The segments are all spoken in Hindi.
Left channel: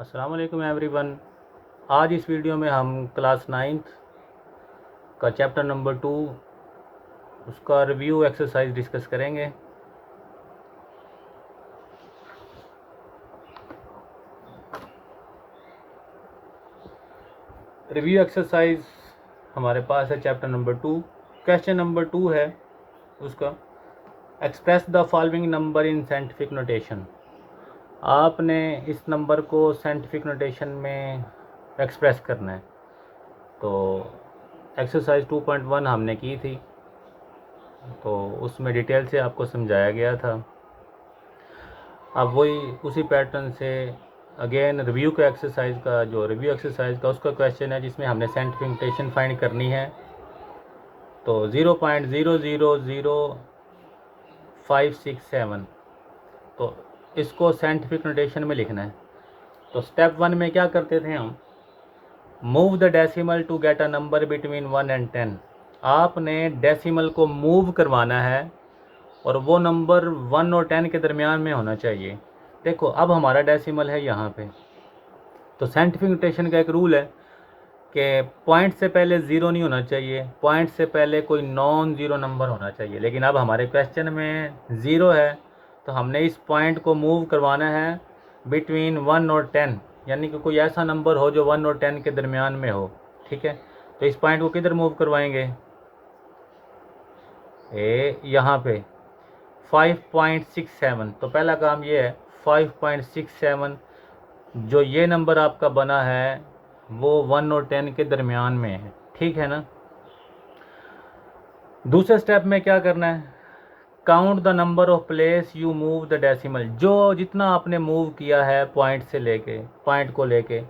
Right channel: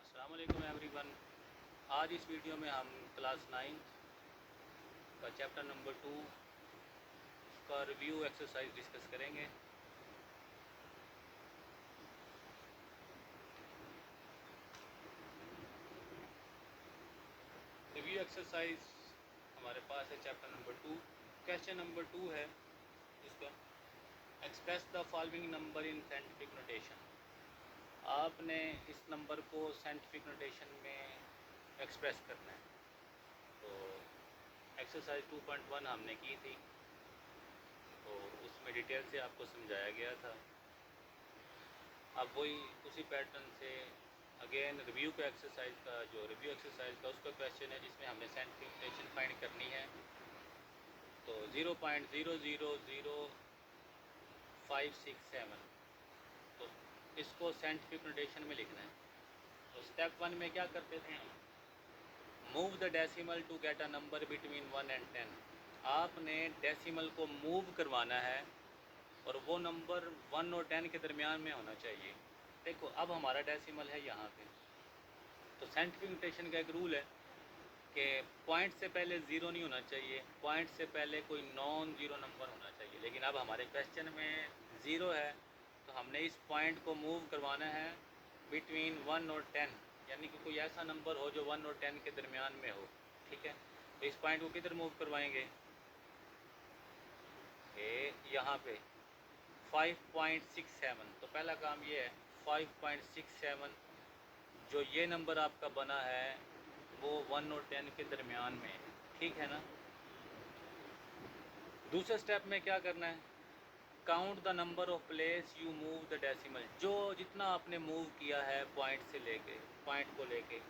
अस्सलाम वालेकुम एवरीवन। आज इस वीडियो में हम क्लास 9th का चैप्टर नंबर 2 उसका रिव्यू एक्सरसाइज डिस्कस करेंगे। रिव्यू एक्सरसाइज हमारे पास है चैप्टर नंबर 2। क्वेश्चन नंबर 2 है उसका, express the following number in scientific notation. आपने इस नंबर को साइंटिफिक नोटेशन में एक्सप्रेस करना है। तो एक्सरसाइज 2.1 हमने की थी, तो उसमें डिटेल से आपको समझाया गया था। अब वही उसी पैटर्न से अगेन रिव्यू का एक्सरसाइज का जो रिव्यू एक्सरसाइज का उसका क्वेश्चन है जिसमें हमने साइंटिफिक नोटेशन फाइंड करनी है। तो 0.000567, तो इसको साइंटिफिक नोटेशन में लिखना है। तो स्टेप 1 में क्या करते थे हम, move the decimal to get a number between 1 and 10। आपने डेसिमल को मूव करवाना है और वो नंबर 1 और 10 के दरमियान में होना चाहिए। देखो अब हमारा डेसिमल है यहाँ पे, तो साइंटिफिक नोटेशन का एक रूल है कि पॉइंट से पहले ज़ीरो नहीं होना चाहिए, पॉइंट से पहले कोई नॉन ज़ीरो नंबर होना चाहिए। लेकिन अब हमारे क्वेश्चन में ज़ीरो है, तो हमने इस पॉइंट को मूव करवाना है बिटवीन 1 और 10, यानी कि कोई ऐसा नंबर हो जो 1 और 10 के दरमियान में हो। ठीक है, तो इस पॉइंट को किधर मूव करवाएंगे, यहाँ पे 5.67। तो पहला काम ये है 5.67, जो ये नंबर आपका बना है वो 1 और 10 के दरमियान में है। ठीक है ना। दूसरे स्टेप में क्या करना है, count the number of place you move the decimal. जो जितना आपने मूव किया है पॉइंट से लेके, पॉइंट को लेके,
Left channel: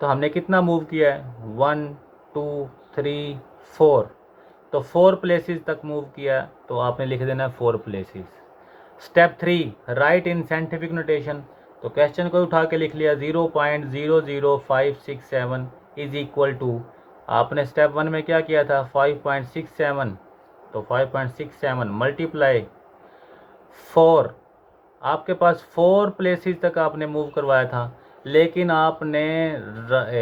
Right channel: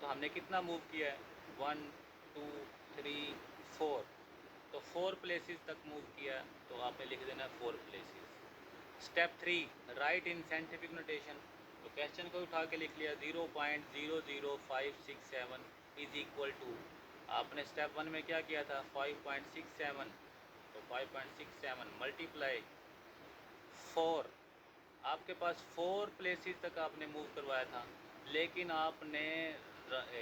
तो हमने कितना मूव किया है, 1 2 3 4। तो 4 प्लेसेस तक मूव किया, तो आपने लिख देना है 4 places. Step 3, right in scientific notation. तो क्वेश्चन को उठा के लिख लिया 0.00567 इज इक्वल टू, आपने स्टेप 1 में क्या किया था 5.67, तो 5.67 मल्टीप्लाई 4। आपके पास 4 प्लेसेस तक आपने मूव करवाया था, लेकिन आपने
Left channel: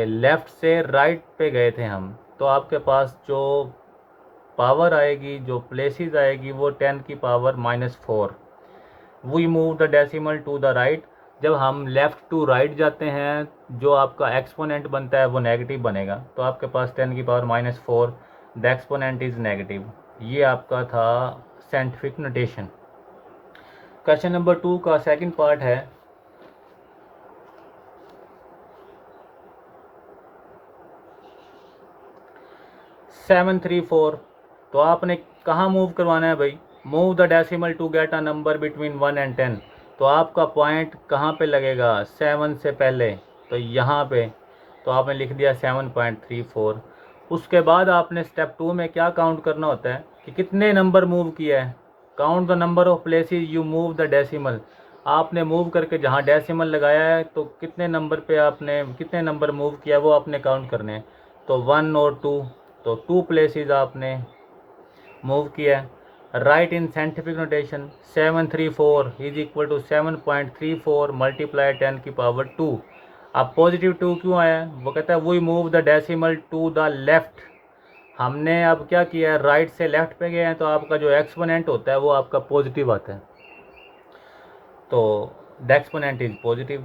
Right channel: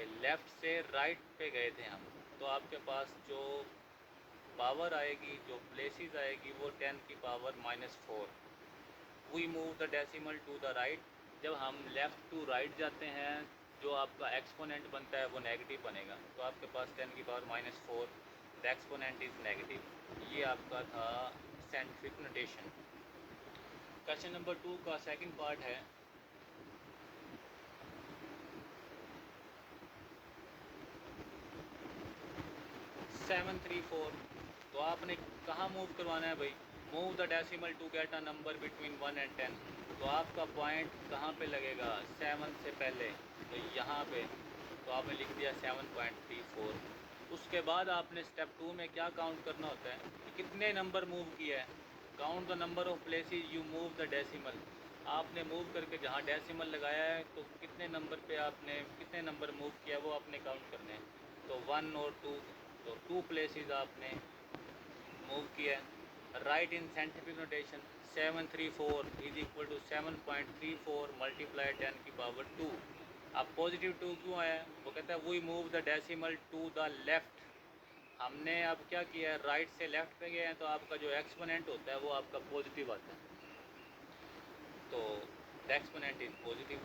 लेफ़्ट से राइट पे गए थे हम, तो आपके पास जो पावर आएगी, जो प्लेसेस आएगी, वो 10 की power -4। We move the decimal to the right. जब हम लेफ़्ट टू राइट जाते हैं, जो आपका एक्सपोनेंट बनता है वो नेगेटिव बनेगा, तो आपके पास 10 की power -4, the exponent is negative. ये आपका था साइंटिफिक नोटेशन। क्वेश्चन नंबर 2 का सेकंड पार्ट है, 734। तो आपने कहाँ मूव करवाना है भाई, move the decimal to get a number between 1 and 10। तो आपका पॉइंट कहाँ पे लगेगा, 7 से पहले, तो यहाँ पे। तो आपने लिख दिया 7.34। उसके बाद आपने स्टेप 2 में क्या काउंट करना होता है कि कितने नंबर मूव किया है। Count the number of places you move the decimal. आपने मूव करके जहाँ डेसिमल लगाया है, तो कितने नंबर पे आपने कितने नंबर मूव किया वो आपने काउंट करने हैं। तो 1 और 2, तो 2 प्लेसेस आपने मूव किया है। Write in scientific notation 734 is equal to 7.34 multiply 10 की पावर 2। अब पॉजिटिव 2 क्यों आया है, वो कहता है we move the decimal to the left. हमने अब क्या किया है, राइट से लेफ़्ट पे गए हैं, तो आपका जो एक्सपोनेंट होता है वो आपका पॉजिटिव आता है, तो the exponent is positive.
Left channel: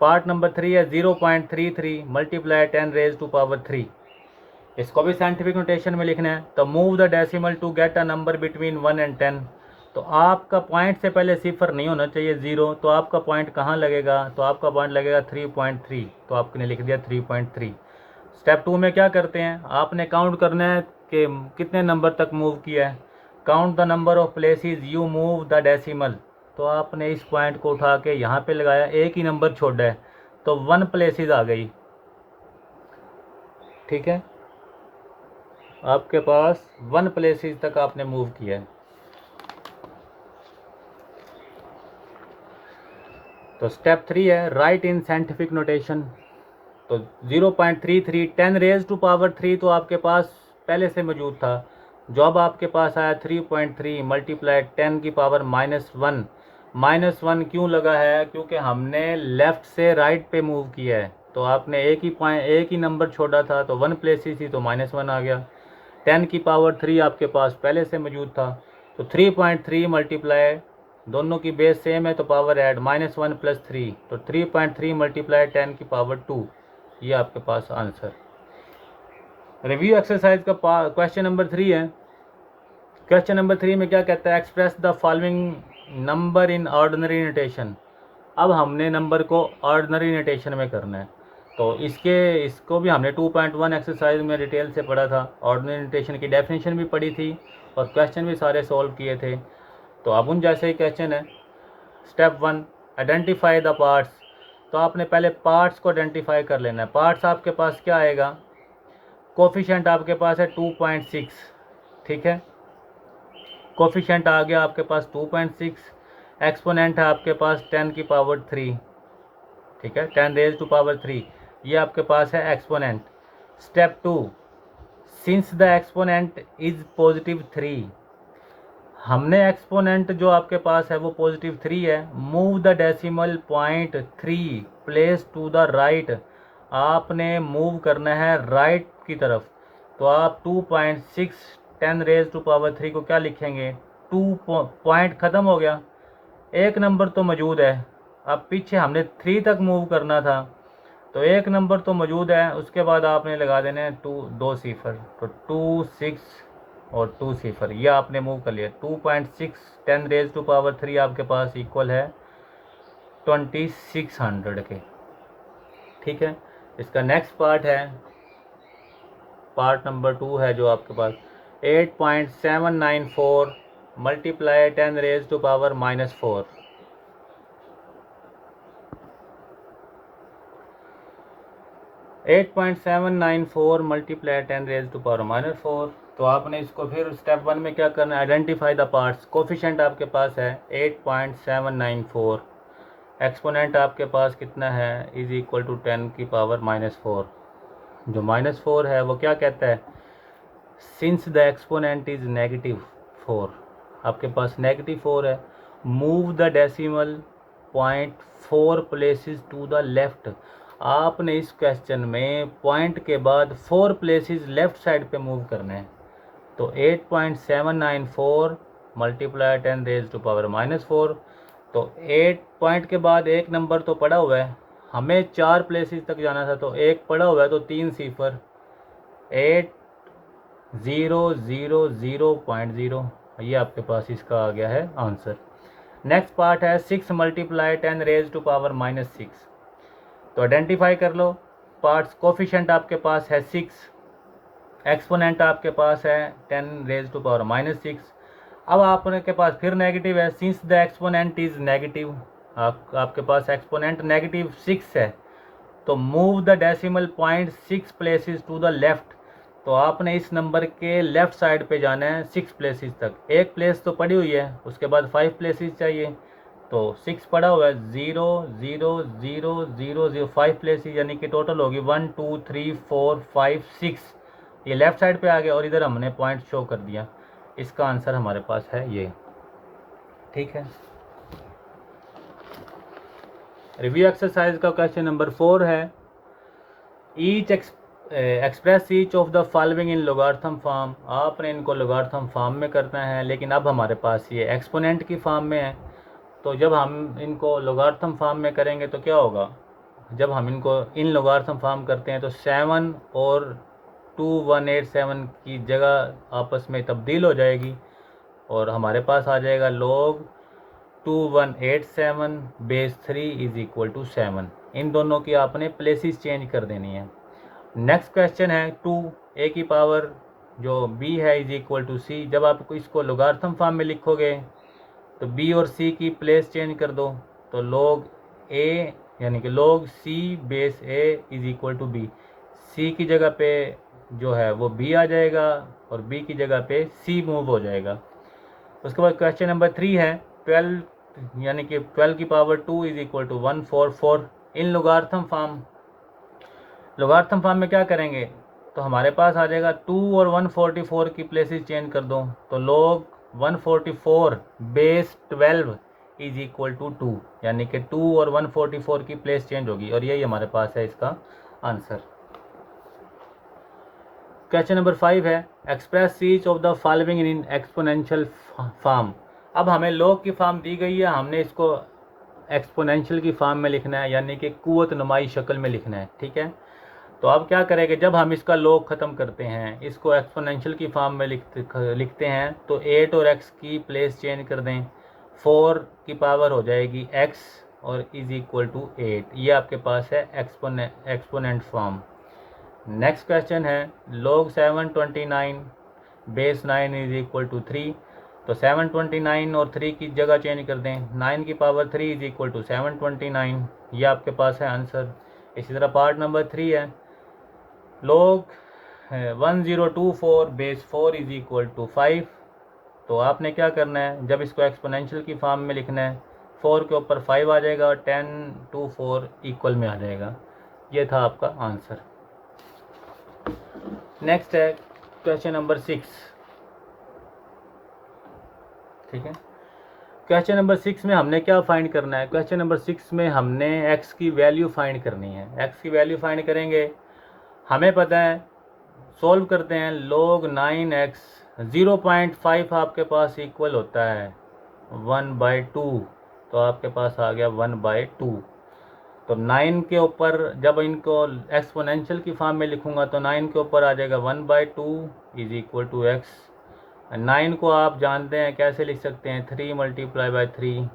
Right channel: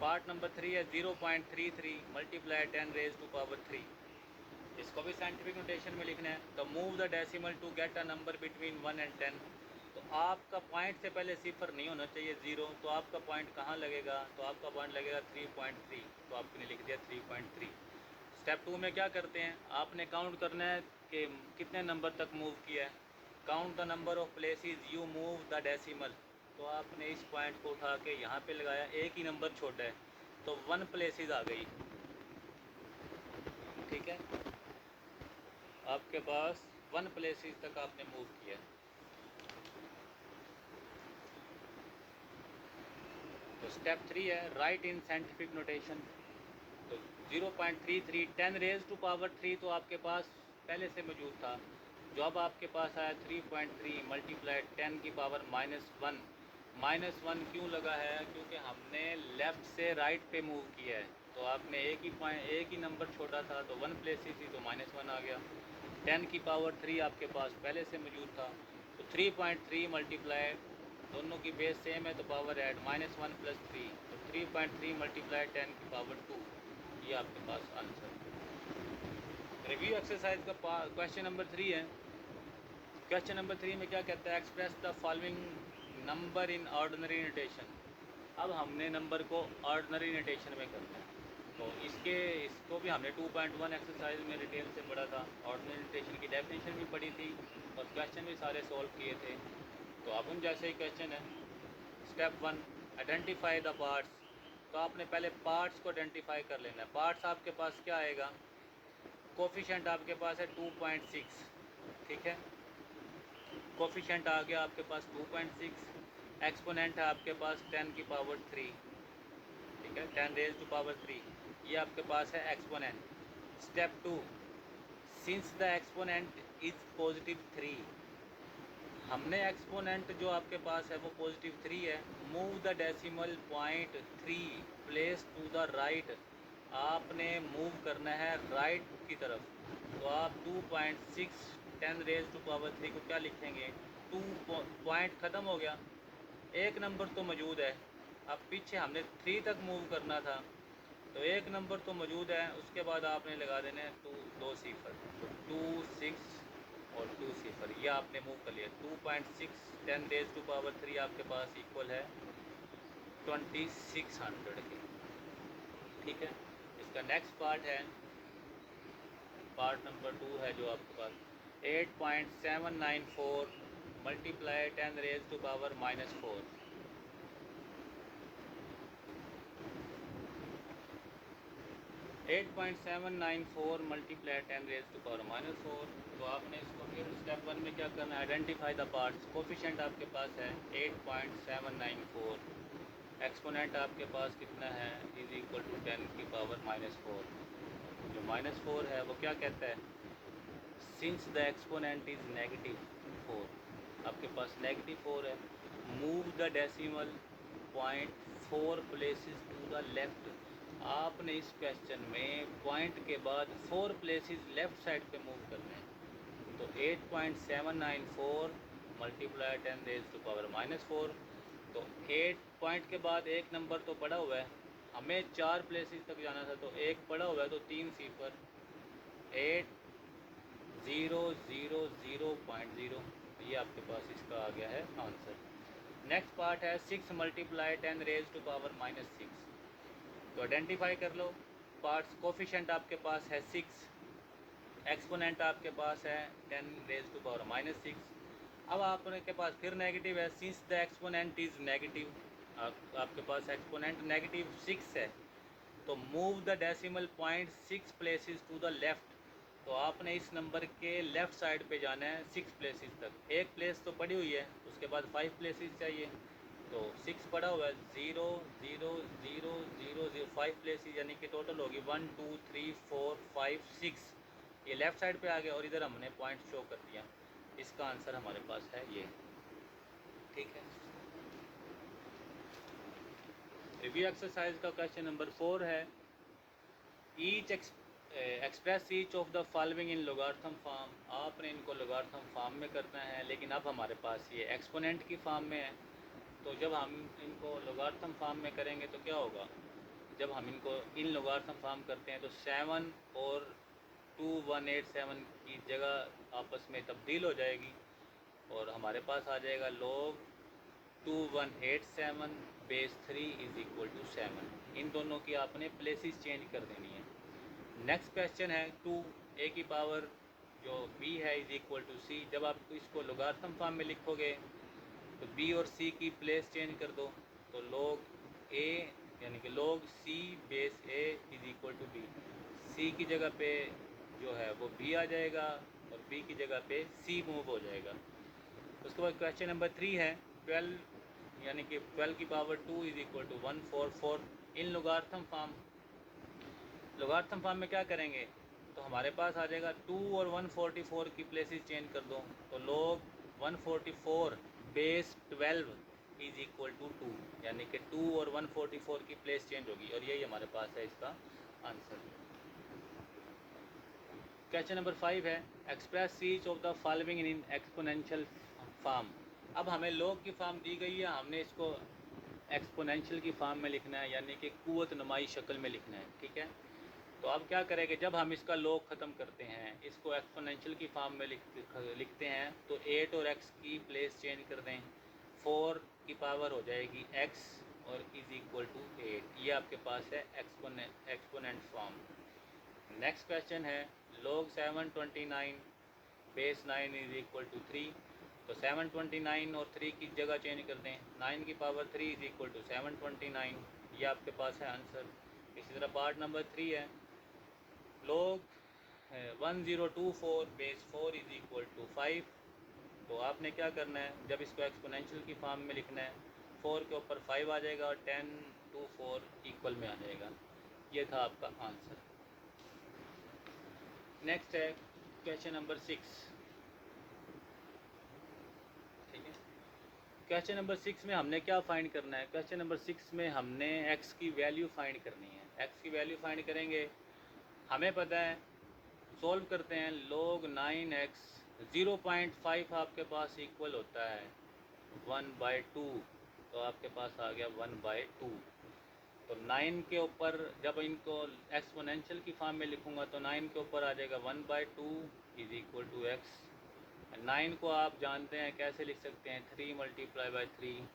Part number 3 है 0.33 मल्टीप्लाई 10 रेज टू पावर 3। इसको भी साइंटिफिक नोटेशन में लिखना है। तो move the decimal to get a number between 1 and 10। तो आपका पॉइंट से पहले सिफर नहीं होना चाहिए, ज़ीरो। तो आपका पॉइंट कहाँ लगेगा, तो आपका पॉइंट लगेगा 3.3, तो आपने लिख दिया 3.3। स्टेप 2 में क्या करते हैं, आपने काउंट करना है कि कितने नंबर तक मूव किया है। Count the number of places you move the decimal. तो आपने इस पॉइंट को उठा के यहाँ पे लगाया, एक ही नंबर छोड़ा है, तो 1 प्लेसेस आ गई। ठीक है, आपके पास 1 प्लेसेस तक आपने मूव किया है। तो स्टेप 3 है राइट इन साइंटिफिक नोटेशन। तो 0.33 10 रेज टू पावर 3 तो आपके पास पहले से मौजूद था। जो अब आपके पास आया 3.3 मल्टीप्लाई 10 की पावर -1, -1 क्यों लगा है? क्योंकि हमने लेफ़्ट से राइट पे मूव किया है। तो आपने एक ही नंबर छोड़ा था, तो 1 प्लेसेस थी, तो -1 आ गया। 10 की पावर 3 आपके पास पहले से मौजूद था, तो 3.3 मल्टीप्लाई, दोनों की बेस सेम है तो पावर ऐड, -1 + 3, तो 3.3 मल्टीप्लाई 10 की पावर 2, ये आपके पास आंसर। रिव्यू एक्सरसाइज का क्वेश्चन नंबर 3 है। क्वेश्चन नंबर 3 में क्या कहता है? Express the following number in ordinary notation. अब हमने नंबर को ऑर्डिनरी नोटेशन में करना है, तो इसको भी हमने 2.1 एक्सरसाइज में डिटेल से पढ़ा था। ऑर्डिनरी नोटेशन की डेफिनेशन भी पढ़ी थी और क्वेश्चन भी सारे सॉल्व किए थे। तो अब उन जैसे ही क्वेश्चन है। Step 1, identify the parts. तो आपने पहले पार्ट्स को आइडेंटिफाई कर लेना है। पार्ट्स आपके पास क्या आएगा? कोफिशिएंट आपके पास है 2.6, ठीक है, कोफिशिएंट आ गया आपके पास 2.6। एक्सपोनेंट है आपके पास 10 की पावर 3, ठीक है, 10 रेज टू पावर 3, ये आपके पास है exponent. Step 2, since the exponent is +3, हमने एक्सपोनेंट जो आपके पास है वो +3 है। Move the decimal point 3 place to the right, आपने मूव करना है राइट की तरफ। तो आप 2.6 10 रेज टू पावर 3 को क्या लिखेंगे? 2 पॉइंट ख़त्म हो गया, एक नंबर तो मौजूद है। अब पीछे हमने 3 तक मूव करना था, तो एक नंबर तो मौजूद है, उसके बाद आपने लगा देने हैं 2 सिफर, तो 2 6 और 2 सिफर, ये आपने मूव कर लिया। 2.6 10 रेज टू पावर 3 आपके पास इक्वल है 2600 के, ठीक है। इसका नेक्स्ट पार्ट है, पार्ट नंबर 2 है जो आपके पास 8.794 multiply 10 raise to power -4। 8.794 multiply 10 raise to power -4। तो आपने इसको फिर स्टेप 1 में क्या करना है? Identify the parts. कोफिशिएंट आपके पास है 8.794, एक्सपोनेंट आपके पास कितना है? इज इक्वल टू 10 की पावर -4। जो -4 है वो क्या कहता है? सिंस द एक्सपोनेंट इज -4, आपके पास -4 है, move the decimal point 4 places to the left. आपने इस क्वेश्चन में पॉइंट के बाद 4 प्लेसेस लेफ्ट साइड पे मूव करने हैं। तो 8.794 मल्टीप्लाई 10 रेज टू पावर -4, तो 8 पॉइंट के बाद एक नंबर तो पड़ा हुआ है, हमें 4 प्लेसेस तक जाना था, तो एक पड़ा हुआ है, तो 3 सिफर, 8,0,0,0.0, ये आपके पास इसका आ गया है आंसर। नेक्स्ट पार्ट है 6 मल्टीप्लाई 10 रेज टू पावर -6। तो आइडेंटिफाई कर लो पार्ट्स। कोफिशिएंट आपके पास है 6, एक्सपोनेंट आपके पास है 10 रेज टू पावर -6। अब आपके पास फिर नेगेटिव है, since the exponent is negative, आपके पास एक्सपोनेंट -6 है, तो move the decimal point 6 places to the left. तो आपने इस नंबर के लेफ़्ट साइड पे जाना है 6 प्लेसेस तक। एक प्लेस तो पड़ी हुई है, उसके बाद 5 प्लेसेस चाहिए, तो 6 पड़ा हुआ है, 0 0 0 0 0 5 प्लेसेस, यानी कि टोटल होगी 1 2 3 4 5 6। ये लेफ़्ट साइड पे आ गया और इधर हमने पॉइंट शो कर दिया। इसका आंसर हमारे पास है ये, ठीक है। रिव्यू एक्सरसाइज का क्वेश्चन नंबर 4 है, each express each of the following in logarithm form. आपने इनको लोगार्थम फॉर्म में करना है, लेकिन अब हमारे पास ये एक्सपोनेंट की फॉर्म में है। तो जब हम इनको लोगार्थम फॉर्म में करेंगे तो क्या होगा? जब हम इनको इन लोगार्थम फॉर्म करते हैं तो 7 और 2187 की जगह आपस में तब्दील हो जाएगी और हमारे पास आ जाएगा log 2187 base 3 is equal to 7। इन दोनों की आपने प्लेसेस चेंज कर देनी है। नेक्स्ट क्वेश्चन है 2 a की पावर जो b है इज इक्वल टू c। जब आप इसको लोगार्थम फॉर्म में लिखोगे तो b और c की प्लेस चेंज कर दो, तो log a यानी कि log c base a is equal to b। c की जगह पे जो है वो b आ जाएगा और b की जगह पे c मूव हो जाएगा। उसके बाद क्वेश्चन नंबर 3 है 12 यानी कि 12 की power 2 is equal to 144 in logarithm form. Logarithm form में क्या करेंगे? तो हमारे पास आ जाएगा 2 और 144 की प्लेसेस चेंज कर दो, तो log 144 base 12 is equal to 2, यानी कि 2 और 144 की प्लेस चेंज होगी, और यही हमारे पास है इसका आंसर। क्वेश्चन नंबर 5 है express each of the following in exponential form. अब हमें लॉग की फॉर्म दी गई है, हमने इसको एक्सपोनेंशियल की फॉर्म में लिखना है, यानी कि कुव्वत नुमाई शक्ल में लिखना है, ठीक है। तो अब क्या करेंगे, जब हम इसका लॉग ख़त्म करते हैं, इसको एक्सपोनेंशियल की फॉर्म में लिखते हैं, तो 8 और x की प्लेस चेंज कर दें, 4 की पावर हो जाएगी x और इज इक्वल टू 8। ये आपके पास है एक्सपोनेंट फॉर्म। नेक्स्ट क्वेश्चन है log 729 base 9 is equal to 3। तो 729 और 3 की जगह चेंज कर दें, 9 की पावर 3 इज इक्वल टू 729। ये आपके पास है आंसर। इसी तरह पार्ट नंबर 3 है log 1024 base 4 is equal to 5। तो आपने क्या करना है, जब इसको एक्सपोनेंशियल की फॉर्म में लिखना है, 4 के ऊपर 5 आ जाएगा और 10 to 4 इक्वल में आ जाएगा। ये था आपका आंसर। नेक्स्ट है क्वेश्चन नंबर 6, ठीक है। क्वेश्चन नंबर 6 में हमने क्या फाइंड करना है, क्वेश्चन नंबर 6 में हमने x की वैल्यू फाइंड करनी है। x की वैल्यू फाइंड करेंगे, हमें पता है, सॉल्व करते हैं, log 9x 0.5 आपके पास इक्वल होता है 1/2। तो आपके पास आ गया 1/2। तो 9 के ऊपर जब इनको एक्सपोनेंशियल की फॉर्म में लिखूंगा तो 9 के ऊपर आ जाएगा 1/2 इज इक्वल टू x। 9 को आप जानते हैं कैसे लिख सकते हैं, 3 × 3।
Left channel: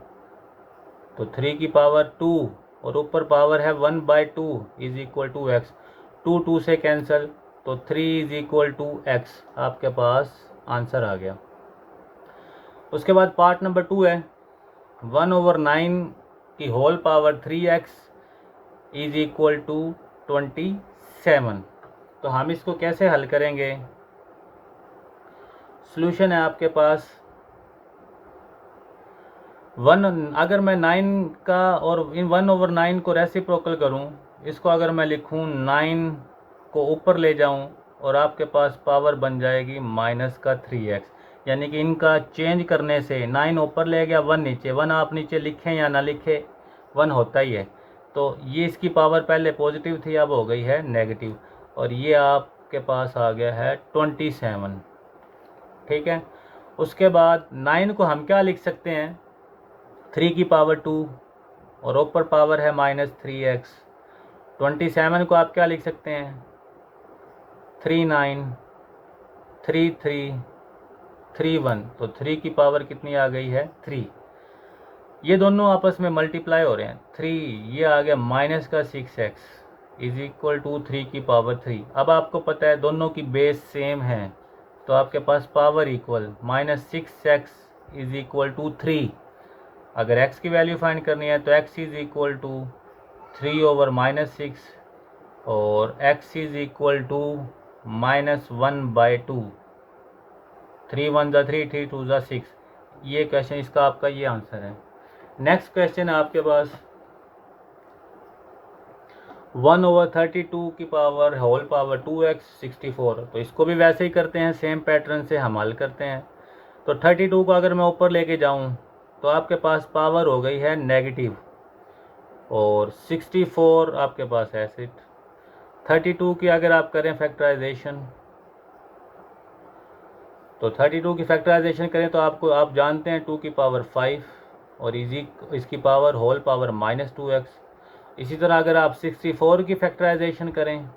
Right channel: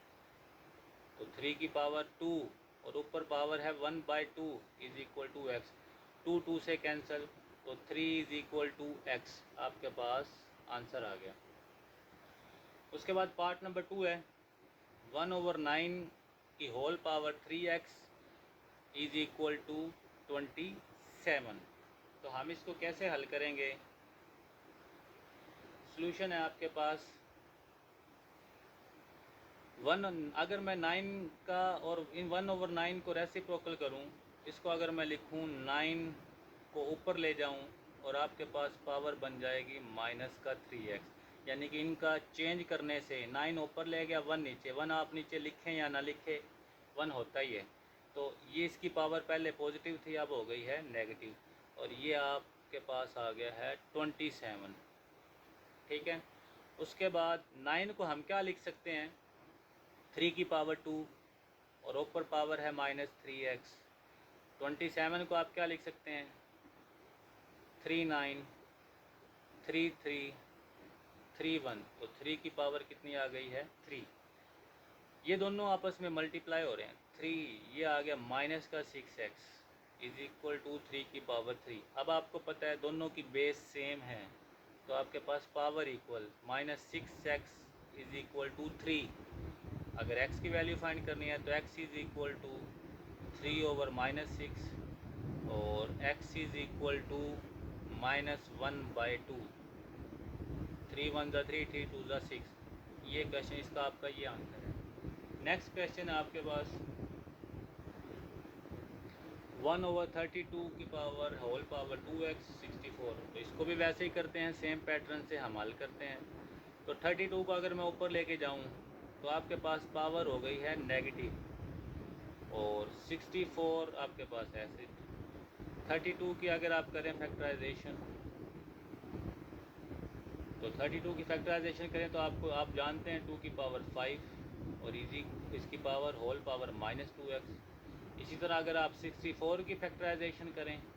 तो 3 की पावर 2 और ऊपर पावर है 1/2 इज इक्वल टू x। 2 2 से कैंसिल, तो 3 इज इक्वल टू x। आपके पास आंसर आ गया। उसके बाद पार्ट नंबर 2 है 1/9 की whole power 3x is equal to 27। तो हम इसको कैसे हल करेंगे, सॉल्यूशन है आपके पास 1, अगर मैं 9 का और इन 1/9 को रेसिप्रोकल करूं, इसको अगर मैं लिखूं 9 को ऊपर ले जाऊं और आपके पास पावर बन जाएगी माइनस का 3x, यानी कि इनका चेंज करने से 9 ऊपर ले गया, 1 नीचे, 1 आप नीचे लिखें या ना लिखें 1 होता ही है। तो ये इसकी पावर पहले पॉजिटिव थी, अब हो गई है नेगेटिव, और ये आपके पास आ गया है 27, ठीक है। उसके बाद 9 को हम क्या लिख सकते हैं, 3 की पावर 2 और ऊपर पावर है -3x। 27 को आप क्या लिख सकते हैं, 39 33 31। तो 3 की पावर कितनी आ गई है, 3। ये दोनों आपस में मल्टीप्लाई हो रहे हैं, 3 ये आ गया माइनस का 6x इज इक्वल टू 3 की पावर 3। अब आपको पता है दोनों की बेस सेम है, तो आपके पास power equal -6x is equal to 3। अगर x की वैल्यू फाइंड करनी है तो x इज इक्वल टू 3/-6 और x इज इक्वल टू -1/2। 3 1 ज़ा 3, 3 2 ज़ा 6। ये क्वेश्चन इसका आपका ये आंसर है। नेक्स्ट क्वेश्चन है आपके पास 1/32 की पावर होल पावर 2x 64। तो इसको भी वैसे ही करते हैं, सेम पैटर्न से हम हल करते हैं। तो 32 को अगर मैं ऊपर लेके जाऊं तो आपके पास पावर हो गई है नेगेटिव, और 64 आपके पास है ऐसे। 32 की अगर आप करें फैक्टराइजेशन, तो 32 की फैक्टराइजेशन करें तो आपको, आप जानते हैं 2 की पावर 5 और इसकी पावर होल पावर -2x। इसी तरह अगर आप 64 की फैक्टराइजेशन करें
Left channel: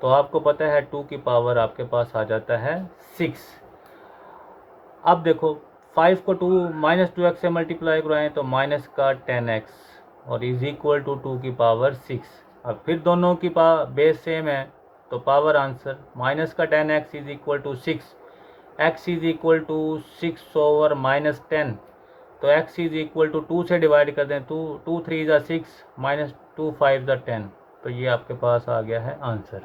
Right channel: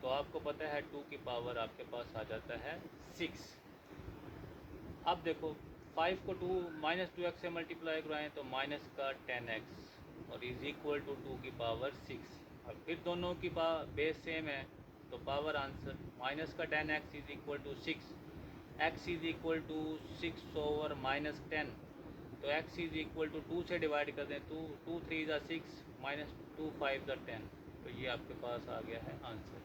तो आपको पता है 2 की पावर आपके पास आ जाता है 6। अब देखो 5 को 2x से मल्टीप्लाई कराएं तो माइनस का 10x और इज इक्वल टू 2 की पावर 6। अब फिर दोनों की बेस सेम है, तो पावर आंसर माइनस का 10x is equal to 6। x is equal to 6/-10। तो x इज इक्वल टू 2 से डिवाइड कर दें, 2 3 ज़ा 6 -2 5 ज़ा 10। तो ये आपके पास आ गया है आंसर।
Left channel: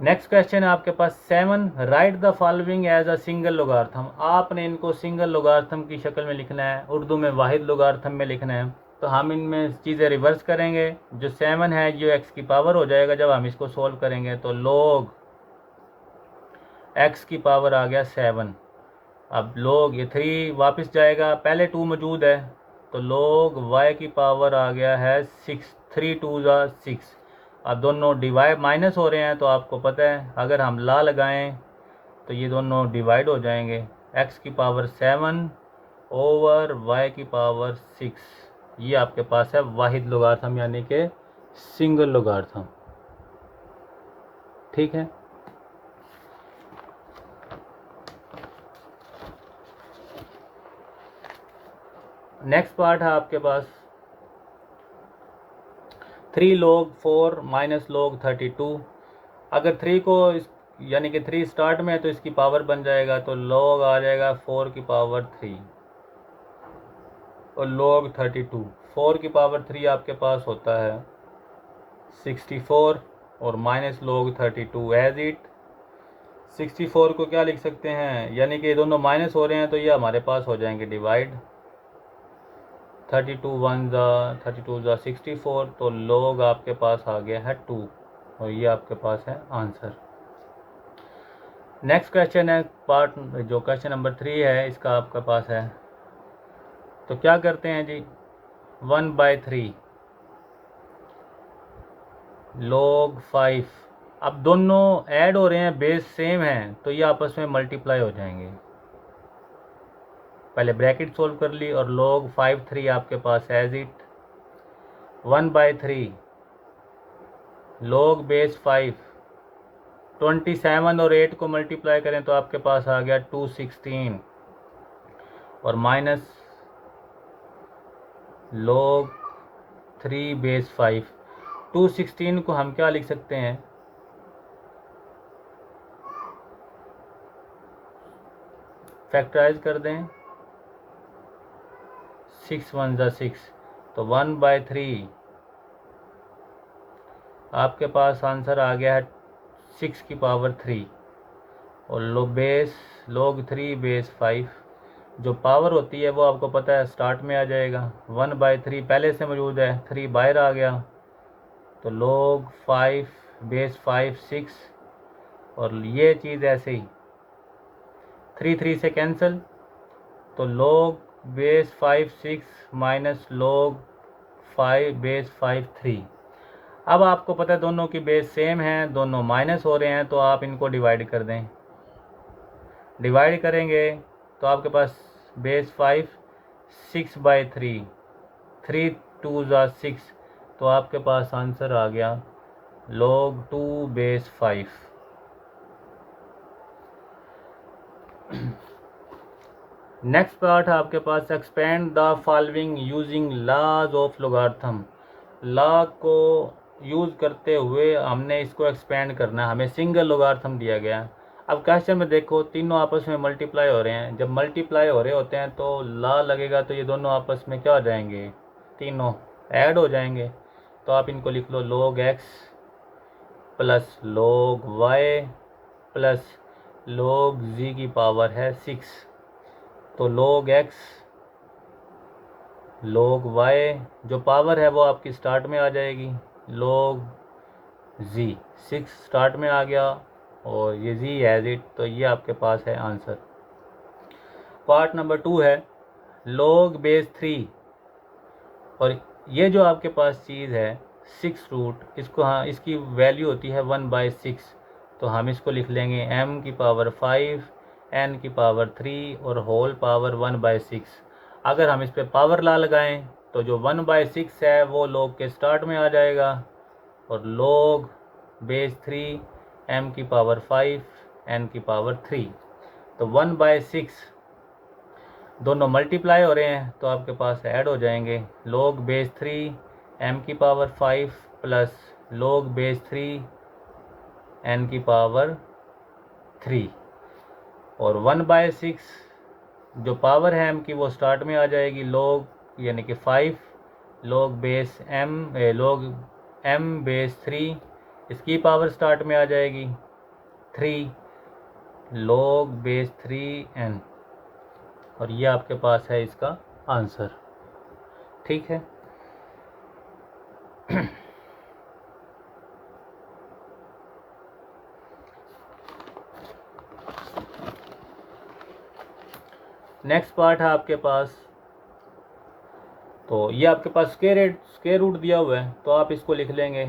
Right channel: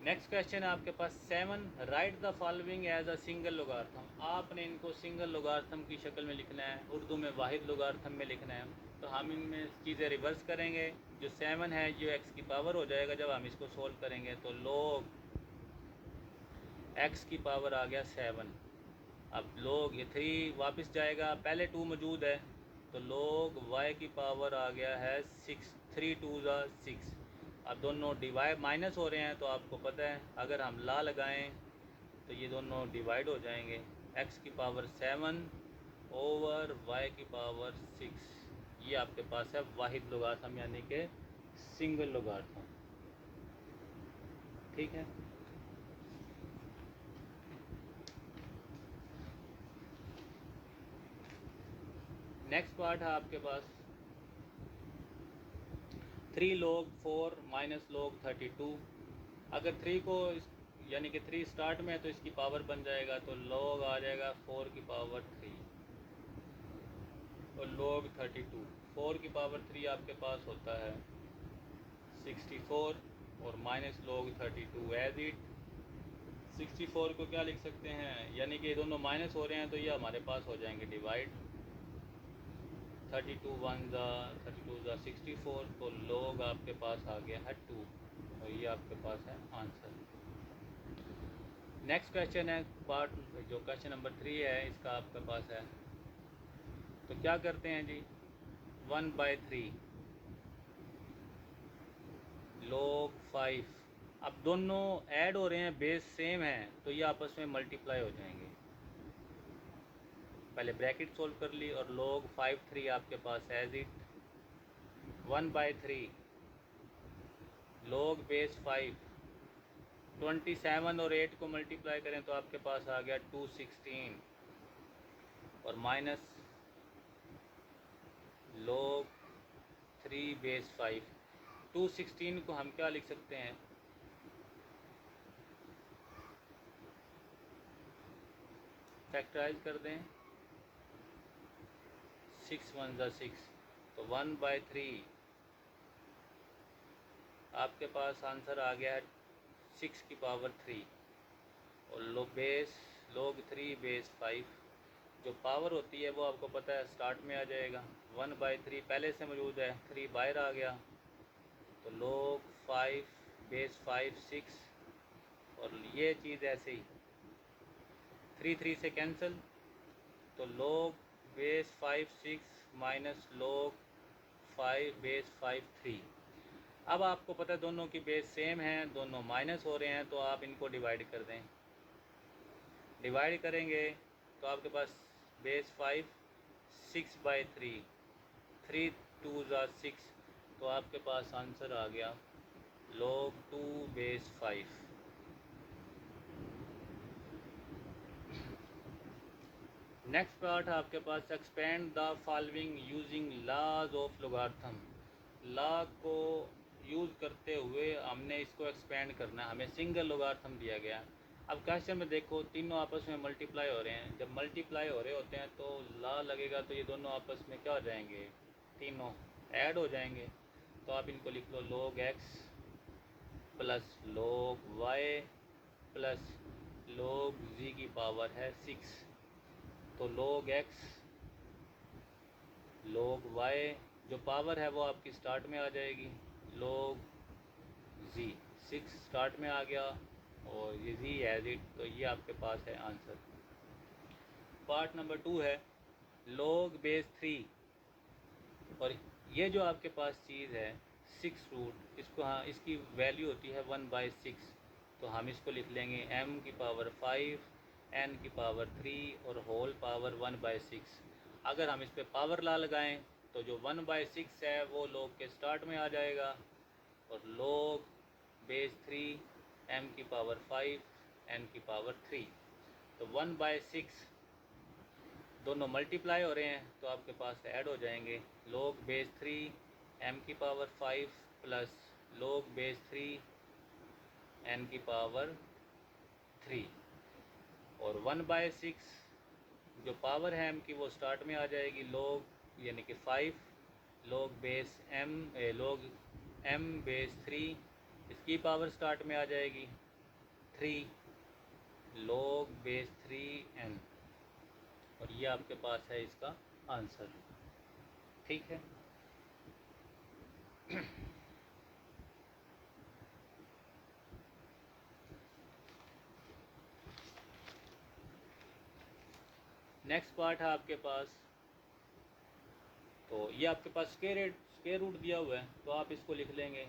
नेक्स्ट क्वेश्चन है आपके पास 7, write the following as a single logarithm. आपने इनको सिंगल लोगार्थम की शक्ल में लिखना है, उर्दू में वाहिद लोगार्थम में लिखना है। तो हम इनमें चीज़ें रिवर्स करेंगे, जो 7 है जो x की पावर हो जाएगा जब हम इसको सोल्व करेंगे, तो log x की पावर आ गया 7 अब log ये 3 वापस जाएगा, पहले 2 मौजूद है तो log y की पावर आ गया है 6, 3 2 ज़ा 6। अब दोनों डिवाइड माइनस हो रहे हैं तो आपको पता है अगर हम ला लगाएं तो ये दोनों डिवाइड हो जाएंगे। x की पावर 7 ओवर y की पावर 6, ये आपके पास है वाहिद लोगार्थम यानी कि सिंगल लोगार्थम। ठीक है। नेक्स्ट पार्ट है आपके पास 3 log 4 माइनस log 32। अगर 3 को यानी कि 3 स्टार्ट में है तो इसकी पावर बन जाएगा तो log आ जाएगा 4 की पावर 3 और log 32। 4 की पावर 3 आपके पास होता है 64 और माइनस log 32 एज इट। 64 को क्या लिख सकते हैं, यानी कि दोनों माइनस हो रहे हैं तो ये हमारे पास हो जाएंगे डिवाइड। 32 1 ज़ा 32 ज़ा 64 तो log आपके पास आ गया है 2 और ये आपके पास है आंसर। नेक्स्ट क्वेश्चन है पार्ट जो क्वेश्चन नंबर 3 है इसका आपके पास है। तो क्या करते हैं जी, 1/3 log 5। अब दोनों ऐड हो रहे हैं, बेस सेम है तो ये आपस में मल्टीप्लाई हो जाएंगे। पहले ब्रैकेट सोल्व कर ली और log 5 3 आपके पास एज इट। 1/3 log बेस 5, 27 और 8 को मल्टीप्लाई करें तो आपके पास आ गया 216 और माइनस log 3 बेस 5। 216 को हम क्या लिख सकते हैं, फैक्टराइज कर दें, 6 1 ज़ा 6 तो 1/3 आपके पास आंसर आ गया है 6 की पावर 3 और log 3 बेस 5। जो पावर होती है वो आपको पता है स्टार्ट में आ जाएगा। 1/3 पहले से मौजूद है, 3 बाहर आ गया तो log 5 बेस 5 6 और ये चीज़ ऐसे ही 3 से कैंसिल तो log base 5 6 minus log 5 base 5 3। अब आपको पता है दोनों की बेस सेम है, दोनों माइनस हो रहे हैं तो आप इनको डिवाइड कर दें। डिवाइड करेंगे तो आपके पास बेस 5 6/3, 3 2 ज़ा 6 तो आपके पास आंसर आ गया log 2 बेस 5। नेक्स्ट पार्ट है आपके पास expand the following using laws of logarithm. Law को यूज़ करते हुए हमने इसको एक्सपेंड करना है, हमें सिंगल लोगार्थम दिया गया है। अब क्वेश्चन में देखो तीनों आपस में मल्टीप्लाई हो रहे हैं, जब मल्टीप्लाई हो रहे होते हैं तो लॉ लगेगा तो ये दोनों आपस में क्या हो जाएंगे, तीनों ऐड हो जाएंगे। तो आप इनको लिख लो log x plus log y plus log z की पावर है 6 तो log x log y जो पावर है वो आपकी स्टार्ट में आ जाएगी, log z 6 स्टार्ट में आ गया और ये z एज इट तो ये आपके पास है आंसर। पार्ट नंबर 2 है log बेस 3 और ये जो आपके पास चीज़ है 6 रूट, इसको हाँ इसकी वैल्यू होती है 1/6 तो हम इसको लिख लेंगे m की पावर 5 n की पावर 3 और होल पावर 1/6। अगर हम इस पर पावर ला लगाएं तो जो 1/6 है वो log के स्टार्ट में आ जाएगा और log बेस 3 m की पावर 5 n की पावर 3 तो 1/6 दोनों मल्टीप्लाई हो रहे हैं तो आपके पास ऐड हो जाएंगे log बेस 3 m की power 5 plus log base 3 n की पावर 3 और 1/6 जो पावर है m की वो स्टार्ट में आ जाएगी log यानी कि 5 log base log m base 3 इसकी पावर स्टार्ट में आ जाएगी 3 log बेस 3n और ये आपके पास है इसका आंसर। ठीक है। नेक्स्ट पार्ट है आपके पास, तो ये आपके पास स्क्वायर रूट दिया हुआ है, तो आप इसको लिख लेंगे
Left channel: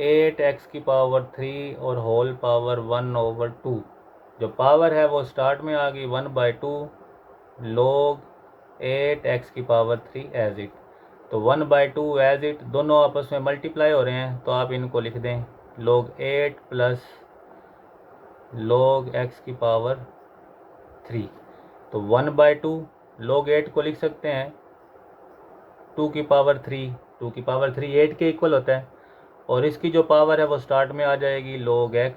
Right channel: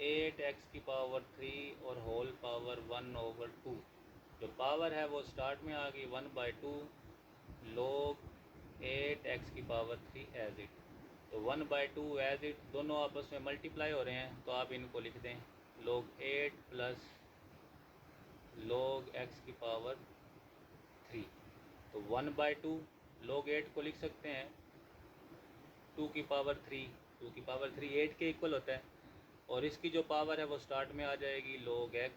8x³ और होल पावर 1/2। जो पावर है वो स्टार्ट में आ गई 1/2 log 8x³ एज इट। तो 1/2 एज इट दोनों आपस में मल्टीप्लाई हो रहे हैं, तो आप इनको लिख दें log 8 प्लस log x³। तो 1/2 log 8 को लिख सकते हैं 2⁵। 2⁵ 8 के इक्वल होता है, और इसकी जो पावर है वो स्टार्ट में आ जाएगी log x।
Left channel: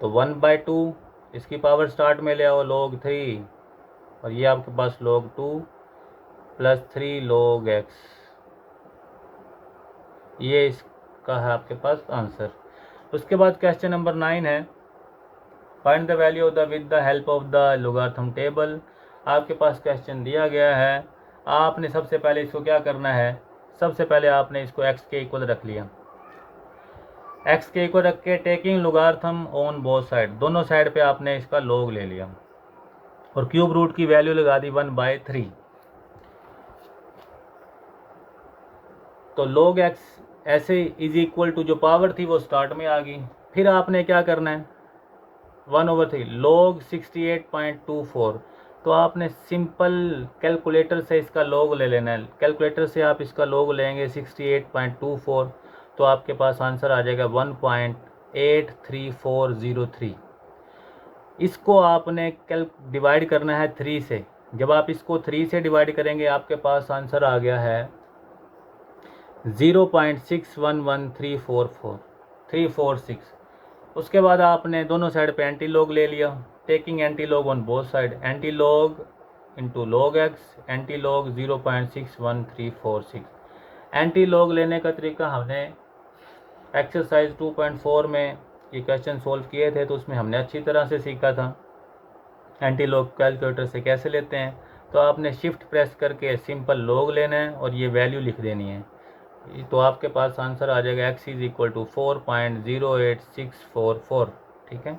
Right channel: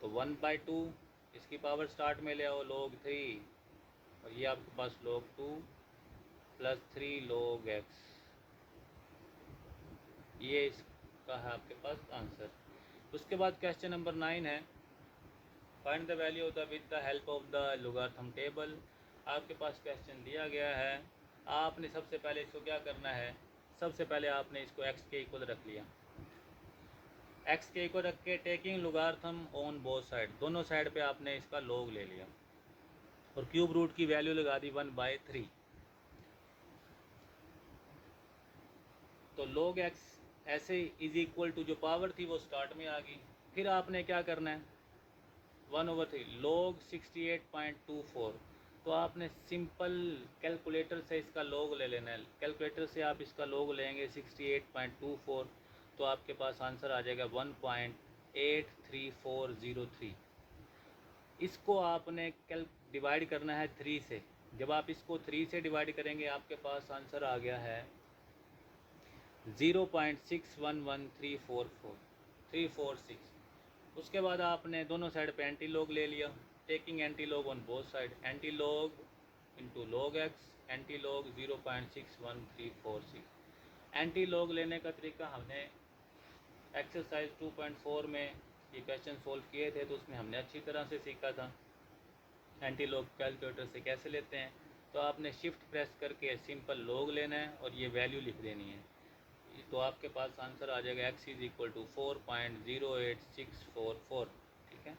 तो 1/2 इसकी पावर स्टार्ट में ले आओ log 3, और ये आपके पास log 2 प्लस 3 log x। ये इसका है आपके पास आंसर। उसके बाद क्वेश्चन नंबर 9 है, find the value of the with the help of the logarithm table. आपके पास क्वेश्चन दिया गया है, आपने सबसे पहले इसको क्या करना है, सबसे पहले आपने इसको x के इक्वल रख लिया। x के इक्वल रख के taking logarithm on both side, दोनों साइड पे आपने इसका log ले लिया, और क्यूब रूट की वैल्यू लगा दी 1/3। तो log x ऐसे इज इक्वल टू जो पावर थी वो स्टार्ट में आ गई। फिर आपने क्या करना है 1/3 log 68.24। तो आपने सिंपल कैलकुलेटर से इसका log ले लेना है। कैलकुलेटर से आप इसका log लेंगे 68.24, तो आपके पास आंसर आ जाएगा 1.83403। इसको आपने डिवाइड करना है 3 से। जब आप इसको 3 से डिवाइड करेंगे आपके पास आंसर आ गया है 0.611346। उसके बाद आपने दोनों साइड पे एंटी लॉग ले लिया, taking anti log on both side, anti log into log x, anti log 0.61346। Anti log लेने का तरीका हमने एक्सरसाइज 2.4 में ये क्वेश्चन सोल्व किए थे, तो उसमें हमने अच्छी तरह से सीखा था एंटी लॉग कैलकुलेटर से कैसे लेते हैं। तो आपने शिफ्ट प्रेस करके सिंपल लॉग लेना है और ये वैल्यू लिख देनी है, तो आपके पास आंसर आ जाएगा x इज इक्वल टू 4.08644। ठीक है।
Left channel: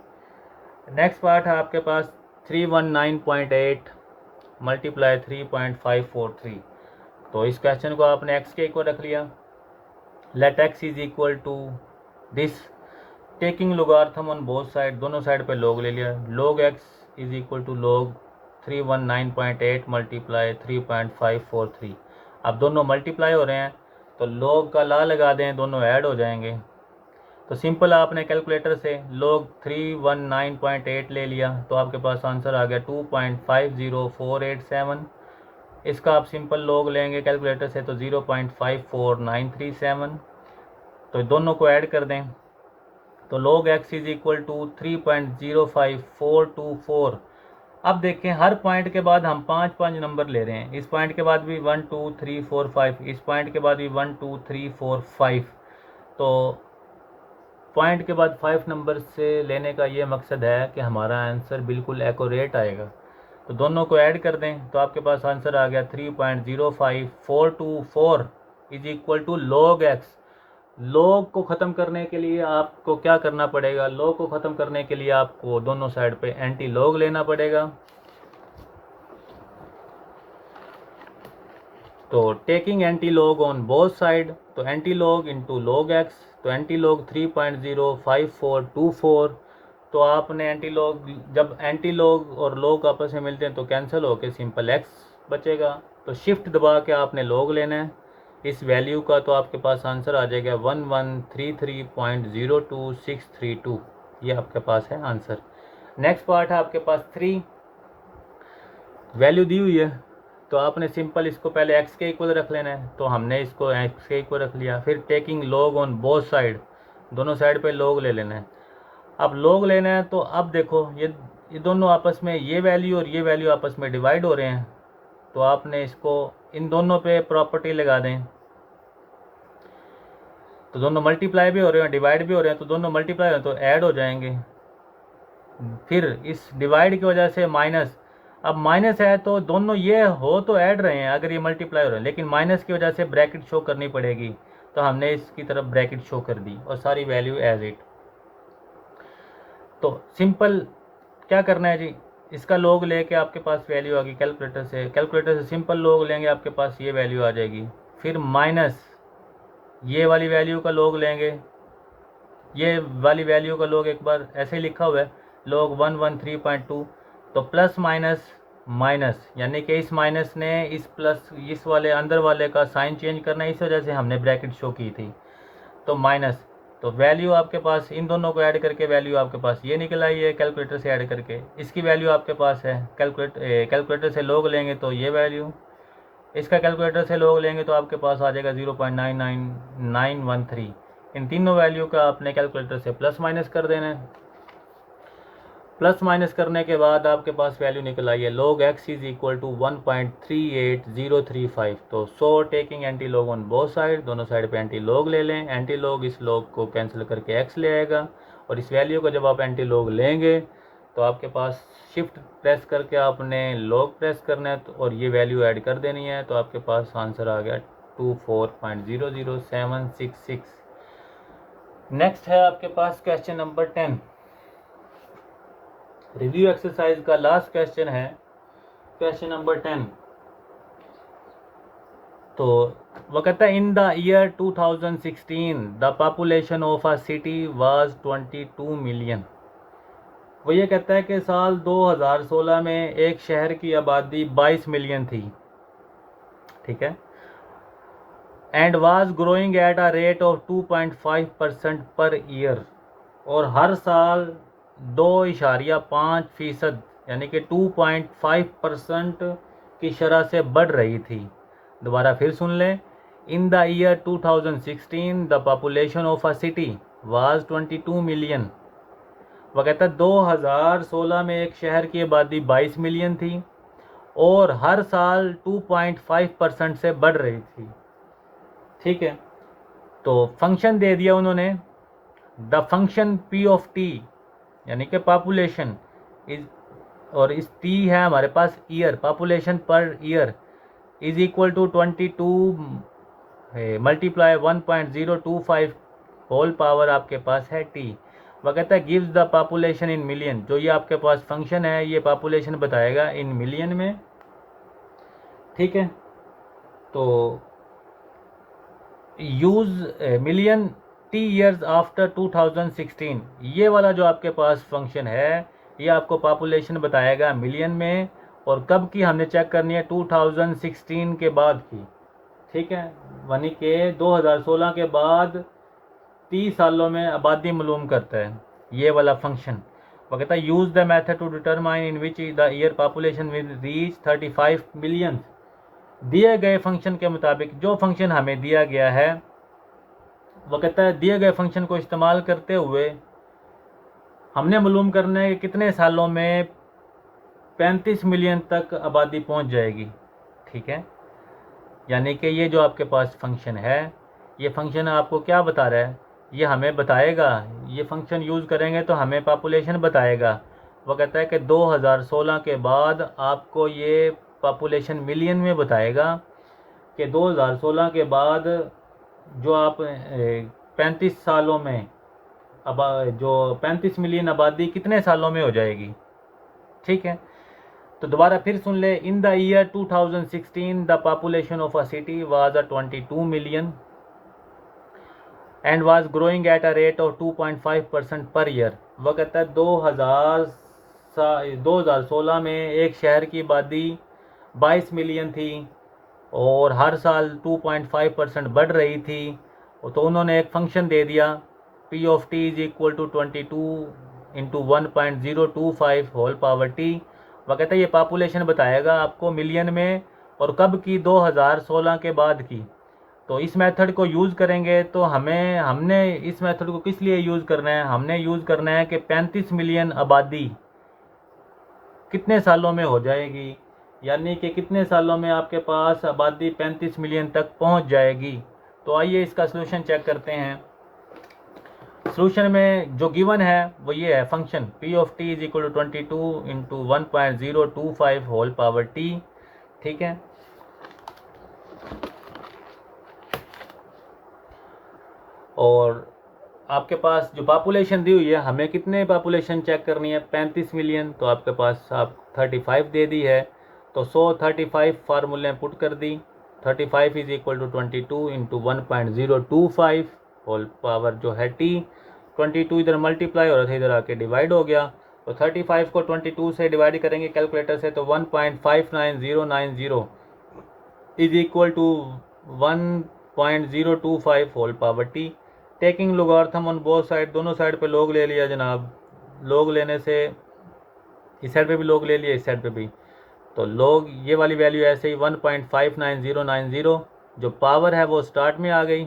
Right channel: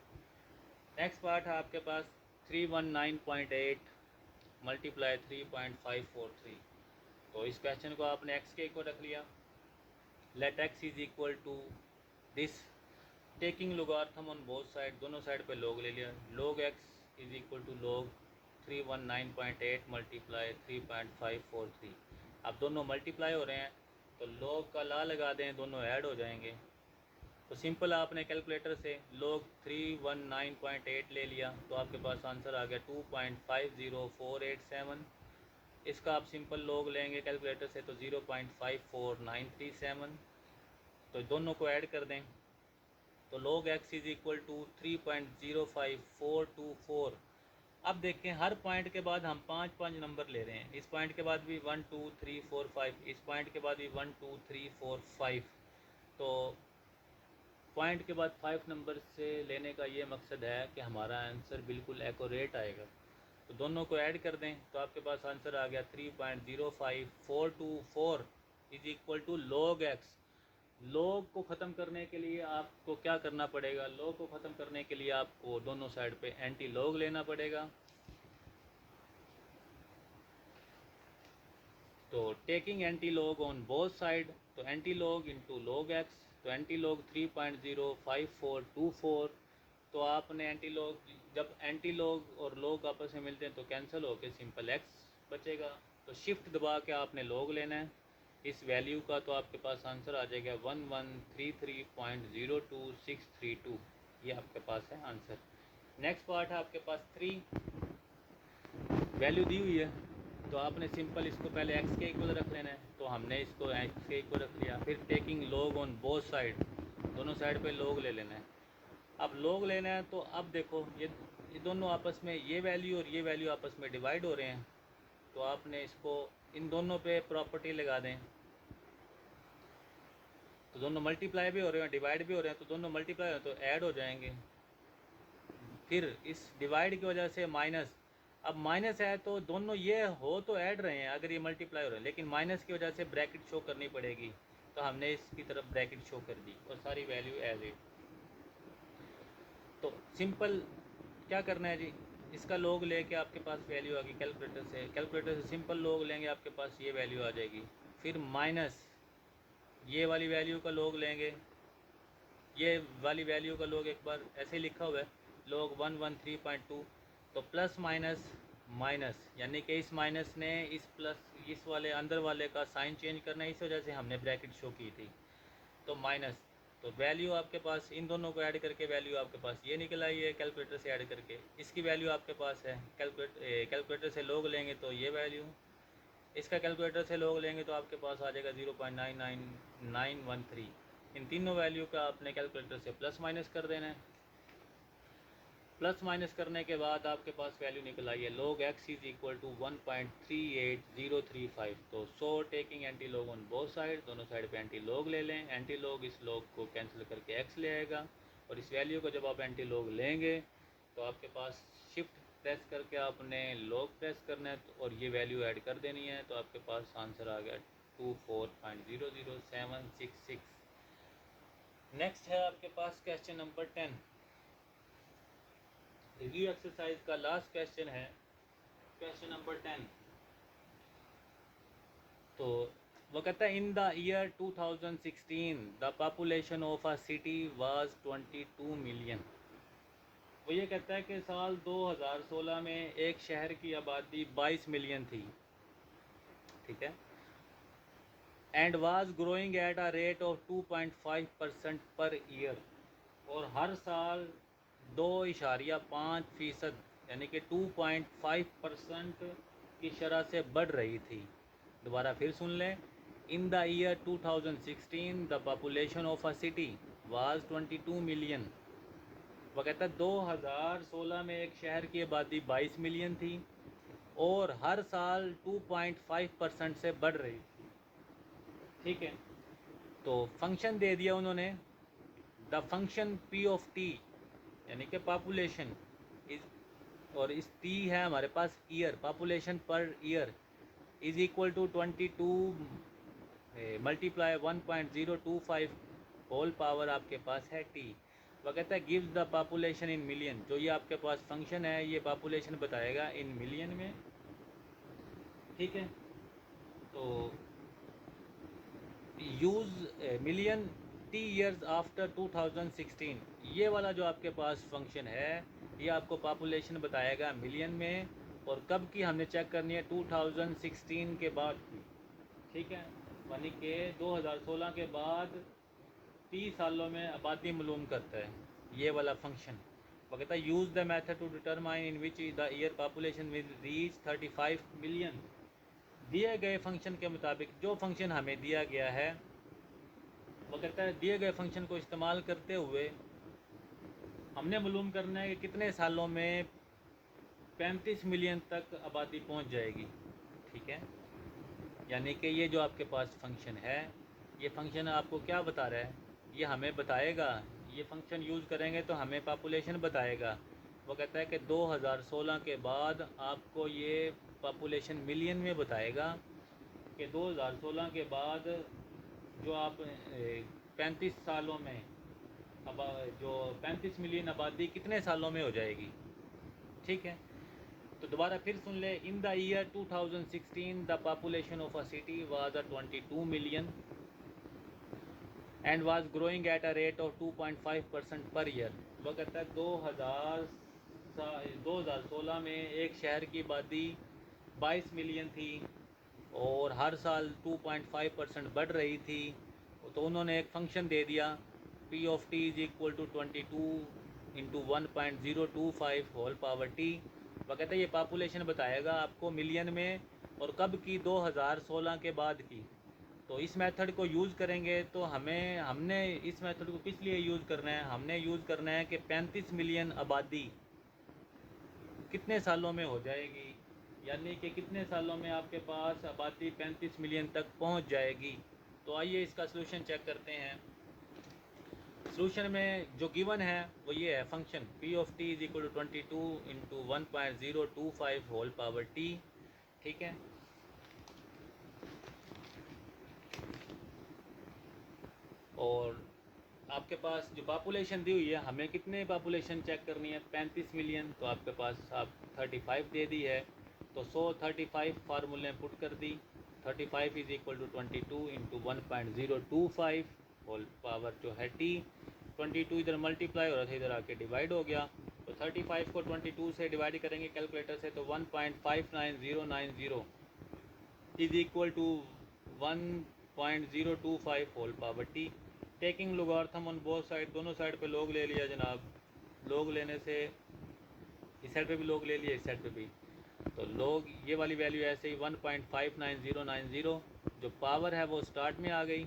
नेक्स्ट पार्ट है आपके पास 319.8 मल्टीप्लाई 3.543। तो इस क्वेश्चन को आपने x के इक्वल रख लिया। Let x is equal to this, taking logarithm on both side, दोनों साइड पे log ले लिया। log x is equal to log 319.8 multiply 3.543। अब दोनों मल्टीप्लाई हो रहे हैं, तो log का ला लगा दें, दोनों ऐड हो जाएंगे। तो सिंपल आपने कैलकुलेटर से log 319.8 ले लिया, तो आपके पास आंसर आ गया 2.50487। इसका आप सिंपल log लेंगे कैलकुलेटर से तो 0.54937। तो दोनों को ऐड कर दें, तो log x is equal to 3.05424। अब देखें हर पॉइंट के बाद हम 5 नंबर ले रहे हैं। इस पॉइंट के बाद भी 1 2 3 4 5, इस पॉइंट के बाद भी 1 2 3 4 5। तो पॉइंट के बाद 5 नंबर से लेने का ये मकसद है कि हमारा आंसर बिल्कुल एक्यूरेट आएगा। तो दोनों को ऐड कर दें, तो आपके पास आंसर आ गया 3.05424 is equal to log x। log को ख़त्म करने के लिए आपको क्या करना पड़ेगा, log को ख़त्म करने के लिए आपको दोनों साइड पे एंटी log लेना पड़ेगा। तो taking anti log on both side, तो anti log into log x, तो एंटी log 3.05424। तो आपने एंटी log, जब एंटी log और log आपस में मिलते हैं तो कैंसिल होकर सिंपल x बचेगा। तो शिफ्ट दबा के आपने log लेना है इस वैल्यू का, तो आपके पास आंसर आ जाएगा 1133.02632। ये आपके पास है आंसर। नेक्स्ट पार्ट है आपके पास 3, वैल्यू दी हुई है, तो आपने सिंपल इसको पहले x के इक्वल रख लेना है, तो हमने इसको x के इक्वल रख लिया। फिर taking log on both side, दोनों साइड पे log ले लेना है। अब log लेना है, तो अब देखो ये दोनों आपस में, ये वैल्यू और ये वैल्यू आपस में डिवाइड हो रहे हैं, तो आपने इसको इन दोनों पे प्रॉपर्टी लगा दें, तो दोनों मल्टीप्लाई भी हो रहे हैं डिवाइड भी हो रहे हैं, तो दोनों मल्टीप्लाई हो रहे हैं तो ऐड हो जाएंगे। फिर इस डिवाइड की वजह से माइनस, अब माइनस है तो दोनों ये हो तो ऐड रहे हैं अगर ये मल्टीप्लाई हो रहे हैं, लेकिन माइनस की वजह से ब्रैकेट शो करनी पड़ेगी, तो हमने इसकी तरफ ब्रैकेट शो कर दी और सारी वैल्यू एज इट। तो सिंपल क्या करना है जी, इसका log लेके आपके पास वैल्यू आ गई कैलकुलेटर से सिंपल log लेंगे आपके पास ये वैल्यू आ जाएगी। फिर माइनस ये वाली वैल्यू का log लेंगे, ये वाली वैल्यू का log एक बार ऐसे ही लिखा हुआ है log 113.2, तो प्लस माइनस माइनस, यानी कि इस माइनस ने इस प्लस इस वाले अंदर वाले का साइन चेंज करना है, इस वजह से हमने ब्रैकेट शो की थी। तो माइनस, तो वैल्यू आपके पास इन दोनों को ऐड करके वैल्यू आपके पास ये निकल आई है कैलकुलेटर से ऐड करके, इसकी वैल्यू आपके पास है कैलकुलेटर से log लेंगे तो ये वैल्यू, इसका कैलकुलेटर से log लेंगे तो आपके पास आ जाएगा 0.99913। इन तीनों वैल्यू का आपने कैलकुलेटर से प्लस माइनस कर देना है। प्लस माइनस करने के बाद आपके पास वैल्यू निकल आई है log x is equal to 1.38035। तो so taking anti log on both side, दोनों साइड पे एंटी लॉग ले लें। एंटी लॉग इस लॉग को कैंसिल करके x ले आएगा, और इस वैल्यू को जब आप एंटी लॉग लेंगे तो आपके पास शिफ्ट प्रेस करके आपने लॉग प्रेस करना है, और ये वैल्यू ऐड कर देनी है, तो आपके पास आंसर आ गया 24.00766। नेक्स्ट है आपके पास क्वेश्चन नंबर 10। रिव्यू एक्सरसाइज का लास्ट क्वेश्चन है क्वेश्चन नंबर 10। तो वह कहता है in the year 2016 the population of a city was 22 million. वो ये कहता है कि साल 2016 में एक शहर की आबादी 22 मिलियन थी, ठीक है, and was growing at a rate of 2.5% per year, और हर साल 2.5% यानी कि 2.5% की शरह से बढ़ रही थी। दोबारा फिर सुन लें, in the year 2016 the population of a city was 22 million. वह कहता है 2016 में एक शहर की आबादी 22 मिलियन थी और हर साल 2.5% से बढ़ रही थी, ठीक है। तो फंक्शन दे दिया उन्होंने, the function P of T यानी कि पॉपुलेशन इज, और इस टी है हमारे पास year, population per year is equal to 22 multiply 1.025 whole power आपके पास है टी। वह कहता है gives the population in million. जो ये आपके पास फंक्शन है ये पॉपुलेशन बताएगा इन मिलियन में, ठीक है। तो use million T years after 2016, ये वाला जो आपके पास फंक्शन है ये आपको पॉपुलेशन बताएगा मिलियन में, और कब की हमने चेक करनी है 2016 के बाद की, ठीक है, यानी कि 2016 के बाद 30 सालों में आबादी मालूम करता है ये वाला फंक्शन। वो कहता है use the method to determine in which the year population will reach 35 million. दिए गए फंक्शन के मुताबिक जो फंक्शन हमें दिया गया है, वो कहता है दिए गए फंक्शन को इस्तेमाल करते हुए हमने मालूम करना है कि कितने सालों में 35 मिलियन तक आबादी पहुंच जाएगी, ठीक है। यानी कि ये जो आपके पास फंक्शन है, ये फंक्शन आपको क्या बता रहा है, ये हमें बताएगा, ये फंक्शन यूज़ करेंगे तो हमें पॉपुलेशन बताएगा। वो कहता है कि 2016 के बाद आपको ये पॉपुलेशन मिलियन में बताएगा कि 2016 के बाद जो आप 35 सालों में अब जो 35 मिलियन आबादी कितने सालों में हो जाएगी, ठीक है। तो दोबारा फिर सुन ले, in the year 2016 the population of a city was 22 million and was growing at a rate of 2.5% per year. वह कहता है 2016 में एक शहर की आबादी 22 मिलियन थी और हर साल 2.5% बढ़ रही थी। तो उन्होंने एक फंक्शन दे दिया P of T is equal to 22 into 1.025 whole power T. वह कहता है ये पॉपुलेशन बताएगा आपको मिलियन में, और कब की, 2016 के बाद की। तो इस मेथड को यूज़ करेंगे तो हमने इस मेथड को किस लिए यूज़ करना है, हमने यूज़ करना है कि 35 मिलियन आबादी कितने सालों में हो जाएगी, यानी कि कितने सालों में आपके पास आबादी 35 मिलियन तक पहुंच जाएगी। तो आइए इसका सलूशन चेक करते हैं। सलूशन में जो गिवन है वो ये है, function P of T is equal to 22 into 1.025 whole power T, ठीक है। और आपके पास जो पॉपुलेशन दी हुई है, हमें कितने पॉपुलेशन चेक करनी है, 35 मिलियन। तो आपके पास आप 35 दे दी है, तो 35 फार्मूले पुट कर दी। 35 is equal to 22 into 1.025 whole power जो है टी। 22 इधर मल्टीप्लाई हो रहा था, इधर आके डिवाइड हो गया। तो 35 को 22 से डिवाइड करेंगे कैलकुलेटर से, तो 1.59090 is equal to 1.025 whole power T. Taking logarithm on both side, दोनों साइड पे लॉग ले लिया जनाब। लॉग लेने से इस साइड पे भी लॉग ले लिया, इस साइड पे भी। तो लॉग ये वाली वैल्यू ऐसे ही 1.59090 जो पावर है वो स्टार्ट में आ गई।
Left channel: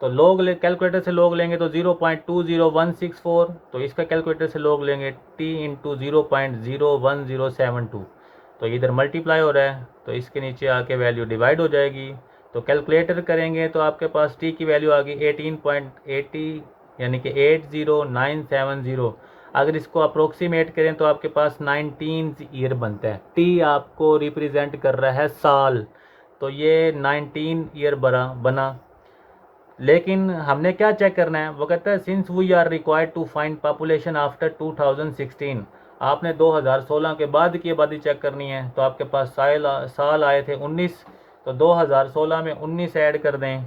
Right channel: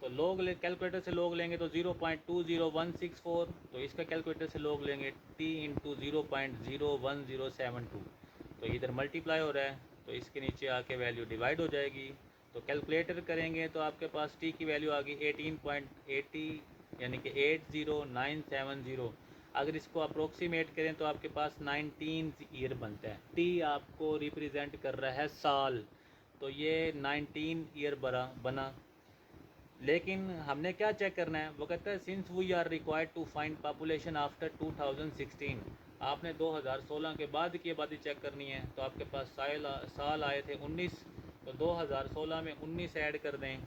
तो लॉग ले कैलकुलेटर से लॉग लेंगे तो 0.20164, तो इसका कैलकुलेटर से लॉग लेंगे टी इंटू 0.01072। तो इधर मल्टीप्लाई हो रहा है, तो इसके नीचे आके वैल्यू डिवाइड हो जाएगी। तो कैलकुलेटर करेंगे तो आपके पास टी की वैल्यू आ गई 18.80 यानी कि 80970। अगर इसको अप्रोक्सीमेट करें तो आपके पास 19 ईयर बनता है। टी आपको रिप्रेजेंट कर रहा है साल, तो ये 19 ईयर बना। लेकिन हमने क्या चेक करना है, वो कहता है since we are required to find population after 2016। आपने 2016 के बाद की आबादी चेक करनी है। तो आपके पास साल आए थे 19, तो 2016 में 19 ऐड कर दें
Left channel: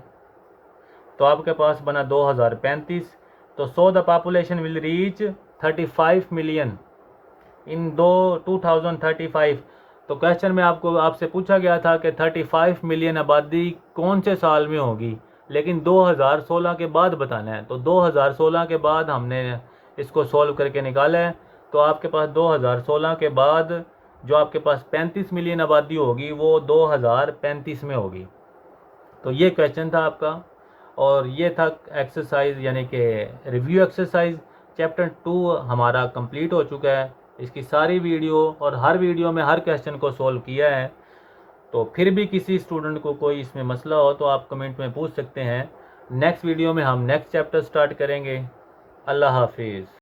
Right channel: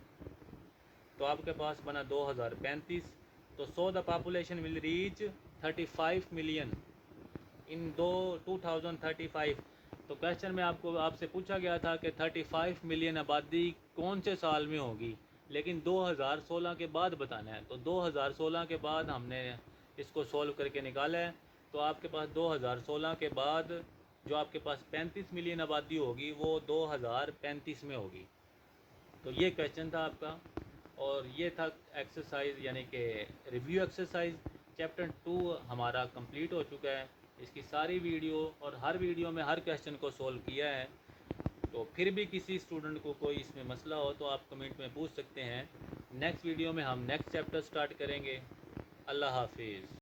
तो आपके पास बना 2035। तो so the population will reach 35 million in 2035। तो क्वेश्चन में आपसे पूछा गया था कि 35 मिलियन आबादी कौन से साल में होगी, लेकिन 2016 के बाद बताना है। तो 2016 के बाद हमने इसको सॉल्व करके निकाला है। तो आपके पास 2016 के बाद जो आपके पास 35 मिलियन आबादी होगी वो 2035 में होगी। तो ये क्वेश्चन था आपका, और ये था एक्सरसाइज यानी कि रिव्यू एक्सरसाइज। चैप्टर 2 हमारा कंप्लीट हो चुका है। इसकी सारी वीडियो और हर वीडियो में हर क्वेश्चन को सॉल्व किया है। तो फिर भी किसी स्टूडेंट को कोई इसमें मसला हो तो आप कमेंट में पूछ सकते हैं। नेक्स्ट वीडियो में हम नेक्स्ट चैप्टर स्टार्ट करेंगे। अल्लाह हाफिज़।